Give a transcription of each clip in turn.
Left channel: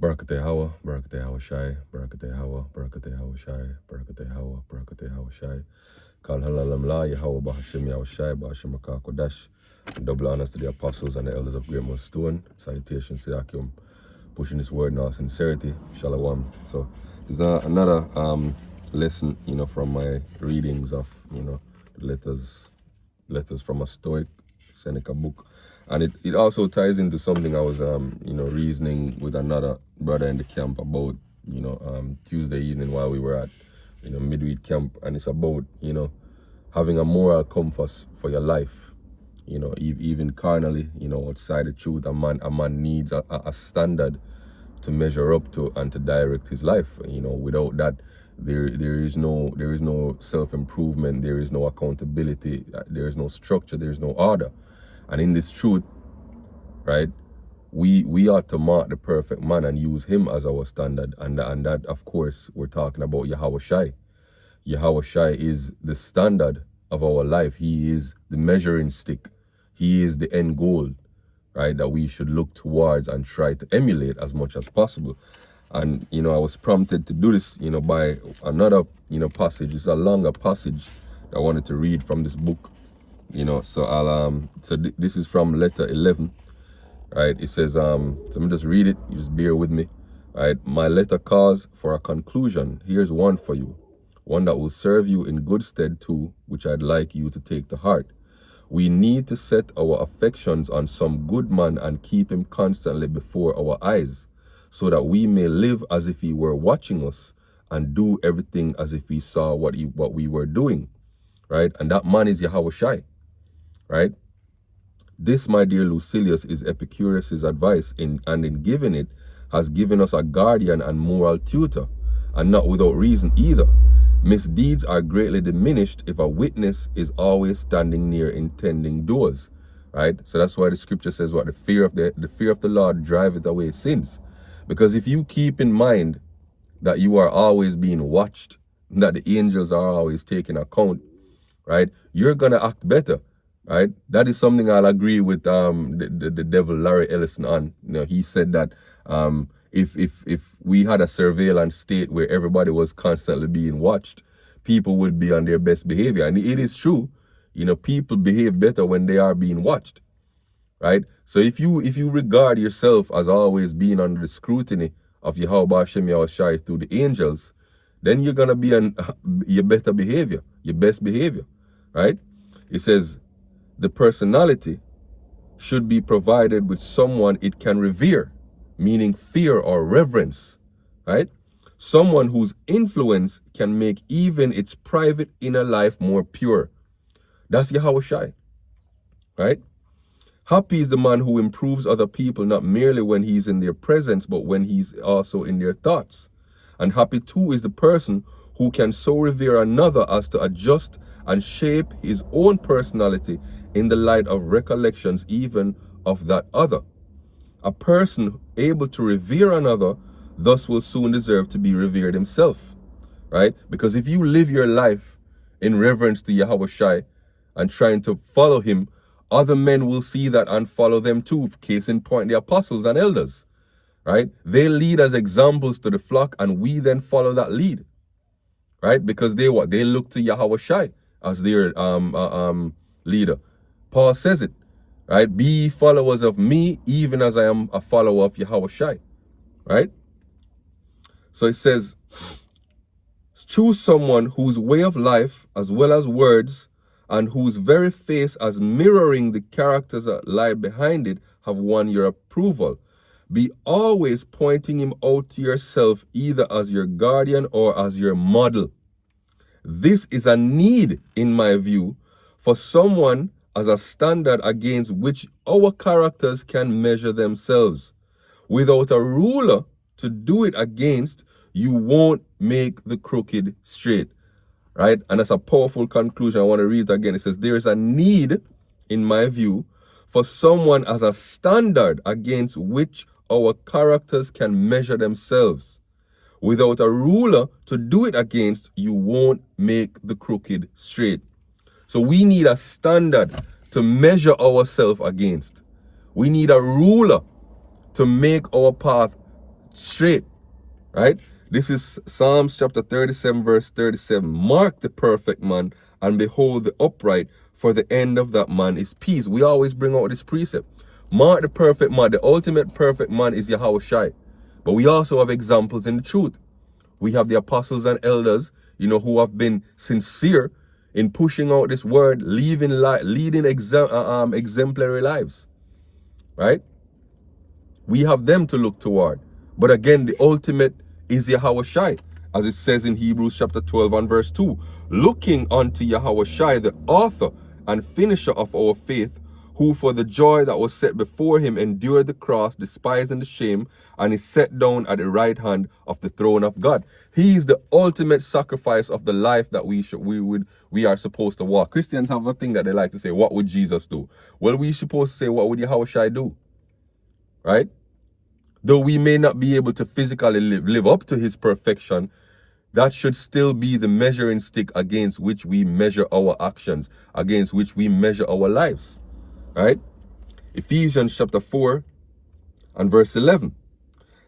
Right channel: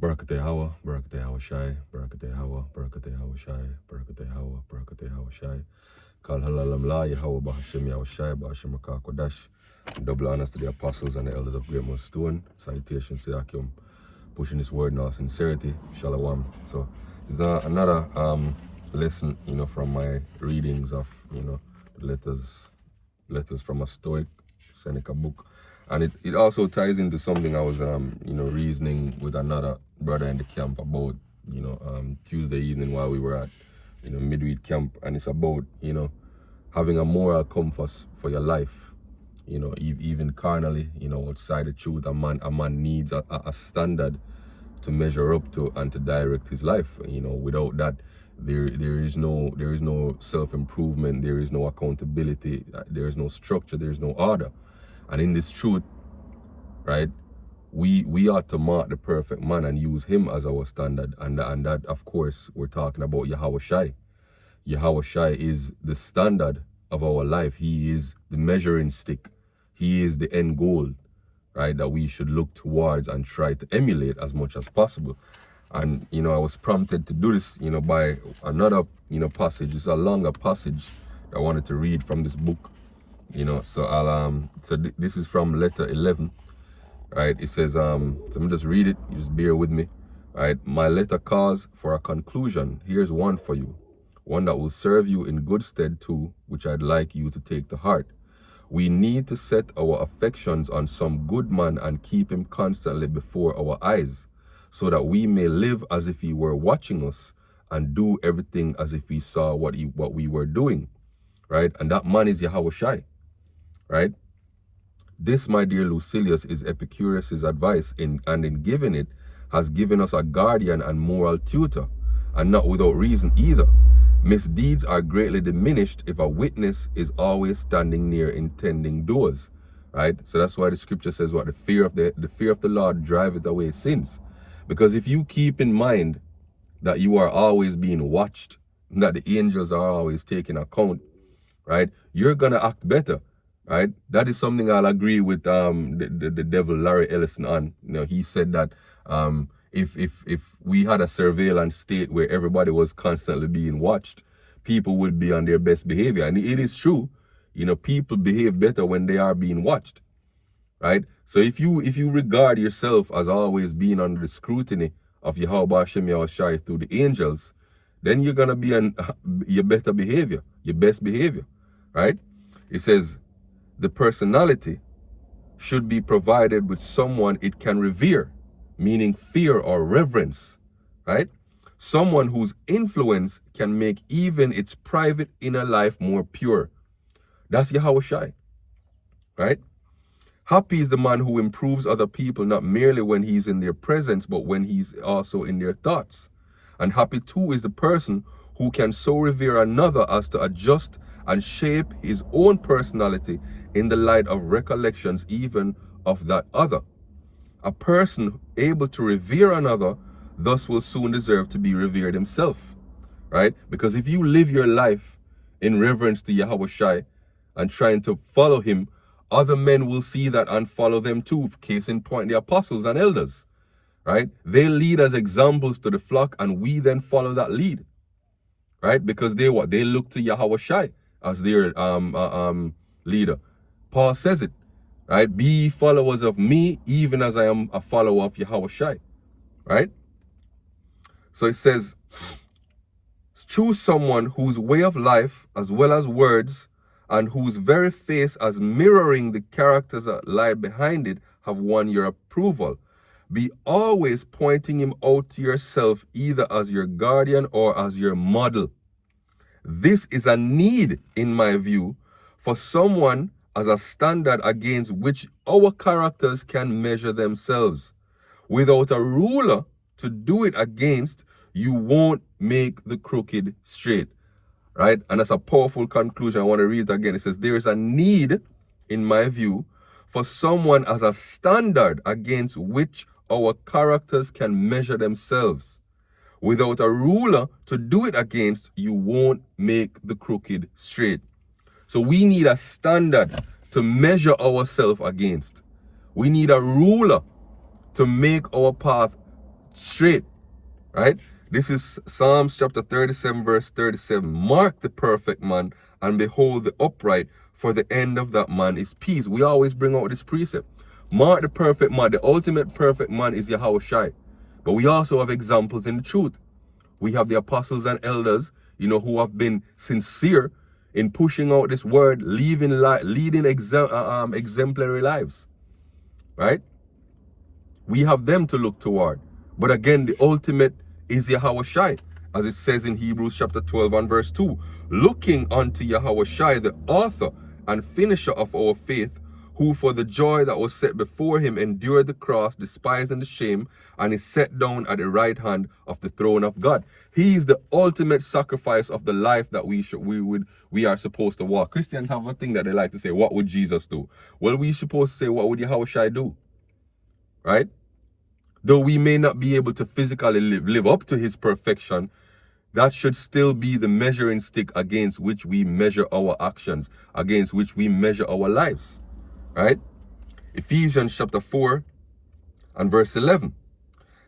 Barakate Hawa, Barakate Yahawashi, Barakate Hawa, Barakate Yahawashi, Barakate Hawa, Barakate Yahawashi. Kal halalam la Yahweh Bahashem Yahawashi, Bahashem Kodash. Double honors to the apostles and the elders of Great Mount Stone. Salutations to Yakim, pushing this word in all sincerity. Shalom. So, it's another lesson, from my readings of, letters from a Stoic Seneca book. And it also ties into something I was, reasoning with another brother in the camp about, Tuesday evening while we were at, midweek camp. And it's about, having a moral compass for your life, even carnally, outside the truth. A man needs a standard to measure up to and to direct his life. Without that, there is no self-improvement, there is no accountability, there is no structure, there is no order. And in this truth, right, we ought to mark the perfect man and use him as our standard. And that, of course, we're talking about Yahawashi. Yahawashi is the standard of our life. He is the measuring stick. He is the end goal, right, that we should look towards and try to emulate as much as possible. And, I was prompted to do this, by another, passage. It's a longer passage that I wanted to read from this book. So this is from letter 11, right? It says, so let me just read it. You just bear with me, right? My letter calls for a conclusion. Here's one for you, one that will serve you in good stead too, which I'd like you to take to heart. We need to set our affections on some good man and keep him constantly before our eyes, so that we may live as if he were watching us and do everything as if we saw what we were doing, right? And that man is Yahawashi. Right? This, my dear Lucilius, is Epicurus's advice, and in giving it, has given us a guardian and moral tutor, and not without reason either. Misdeeds are greatly diminished if a witness is always standing near intending doers. Right? So that's why the scripture says what the fear of the Lord driveth away sins. Because if you keep in mind that you are always being watched, that the angels are always taking account, right, you're gonna act better. Right, that is something I'll agree with the devil Larry Ellison on. He said that if we had a surveillance state where everybody was constantly being watched, people would be on their best behavior. And it is true, people behave better when they are being watched. Right? So if you regard yourself as always being under the scrutiny of Yahawashi through the angels, then you're gonna be on your better behavior, your best behavior. Right? It says, the personality should be provided with someone it can revere, meaning fear or reverence, right? Someone whose influence can make even its private inner life more pure. That's Yahawashi, right? Happy is the man who improves other people, not merely when he's in their presence, but when he's also in their thoughts. And happy too is the person who can so revere another as to adjust and shape his own personality in the light of recollections even of that other. A person able to revere another thus will soon deserve to be revered himself, right? Because if you live your life in reverence to Yahawashi and trying to follow him, other men will see that and follow them too. Case in point, the apostles and elders, right? They lead as examples to the flock, and we then follow that lead, right? Because they look to Yahawashi as their leader. Paul says it, right? Be followers of me, even as I am a follower of Yahawashi, right? So it says, choose someone whose way of life, as well as words, and whose very face, as mirroring the characters that lie behind it, have won your approval. Be always pointing him out to yourself, either as your guardian or as your model. This is a need, in my view, for someone as a standard against which our characters can measure themselves. Without a ruler to do it against, you won't make the crooked straight. Right? And that's a powerful conclusion. I want to read it again. It says, there is a need, in my view, for someone as a standard against which our characters can measure themselves. Without a ruler to do it against, you won't make the crooked straight. So we need a standard to measure ourselves against. We need a ruler to make our path straight, right? This is Psalms chapter 37, verse 37. Mark the perfect man, and behold the upright, for the end of that man is peace. We always bring out this precept. Mark the perfect man. The ultimate perfect man is Yahawashi. But we also have examples in the truth. We have the apostles and elders, who have been sincere in pushing out this word, leading exemplary lives, right? We have them to look toward. But again, the ultimate is Yahawashi, as it says in Hebrews chapter 12 and verse 2. Looking unto Yahawashi, the author and finisher of our faith, who for the joy that was set before him endured the cross, despising the shame, and is set down at the right hand of the throne of God. He is the ultimate sacrifice of the life that we are supposed to walk. Christians have a thing that they like to say, what would Jesus do? Well, we're supposed to say, what would Yahawashi do? Right? Though we may not be able to physically live up to his perfection, that should still be the measuring stick against which we measure our actions, against which we measure our lives. Right? Ephesians chapter 4 and verse 11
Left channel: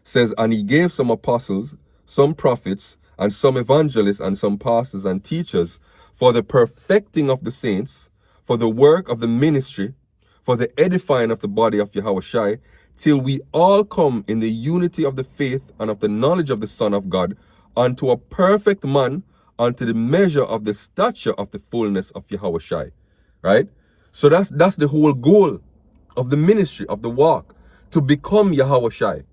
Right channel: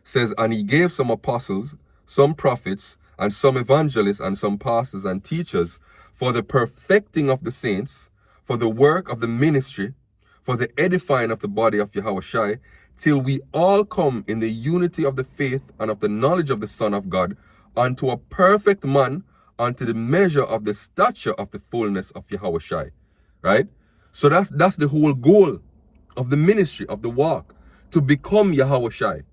says, and he gave some apostles, some prophets, and some evangelists, and some pastors and teachers for the perfecting of the saints, for the work of the ministry, for the edifying of the body of Yahawashi, till we all come in the unity of the faith and of the knowledge of the Son of God, unto a perfect man, unto the measure of the stature of the fullness of Yahawashi. Right? So that's the whole goal of the ministry, of the walk, to become Yahawashi.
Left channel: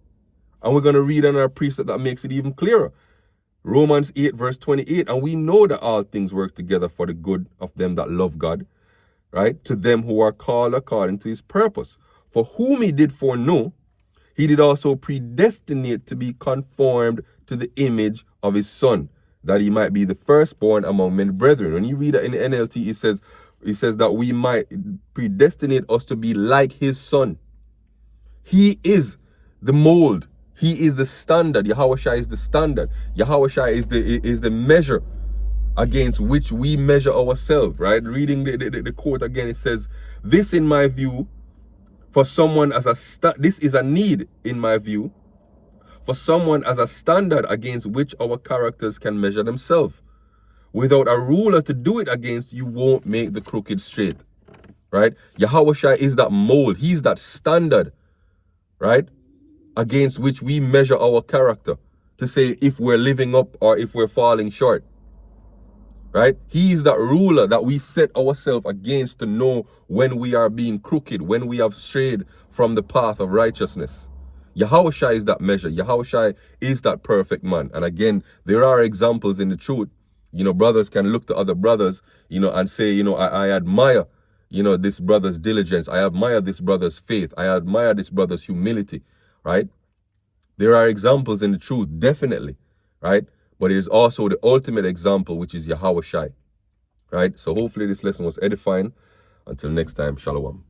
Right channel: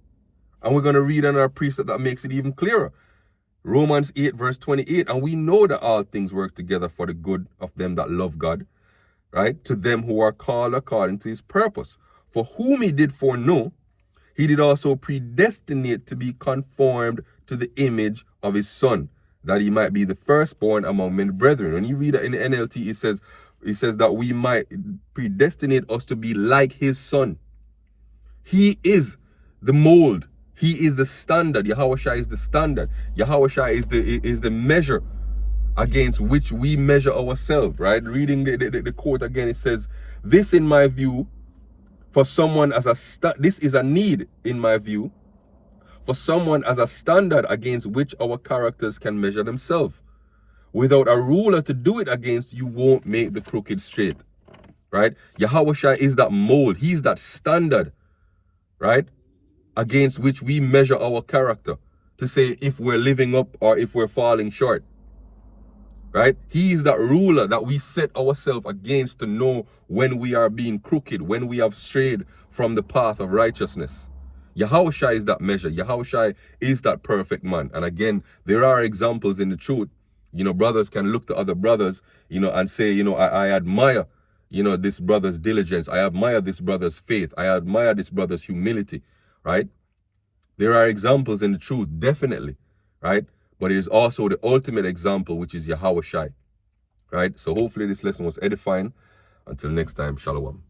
And we're going to read another precept that makes it even clearer. Romans 8 verse 28, and we know that all things work together for the good of them that love God, right? To them who are called according to his purpose. For whom he did foreknow, he did also predestinate to be conformed to the image of his Son, that he might be the firstborn among many brethren. When you read it in the NLT, it says that we might predestinate us to be like his Son. He is the mold. He is the standard. Yahawashi is the standard. Yahawashi is the measure against which we measure ourselves, right? Reading the quote again, it says, this in my view, for someone this is a need in my view, for someone as a standard against which our characters can measure themselves. Without a ruler to do it against, you won't make the crooked straight, right? Yahawashi is that mold. He's that standard, right? Against which we measure our character to say if we're living up or if we're falling short, right? He is that ruler that we set ourselves against to know when we are being crooked, when we have strayed from the path of righteousness. Yahawashi is that measure. Yahawashi is that perfect man. And again, there are examples in the truth. Brothers can look to other brothers, and say, I admire, this brother's diligence. I admire this brother's faith. I admire this brother's humility, right? There are examples in the truth, definitely, right? But there's also the ultimate example, which is Yahawashi, right? So hopefully this lesson was edifying. Until next time, Shalom.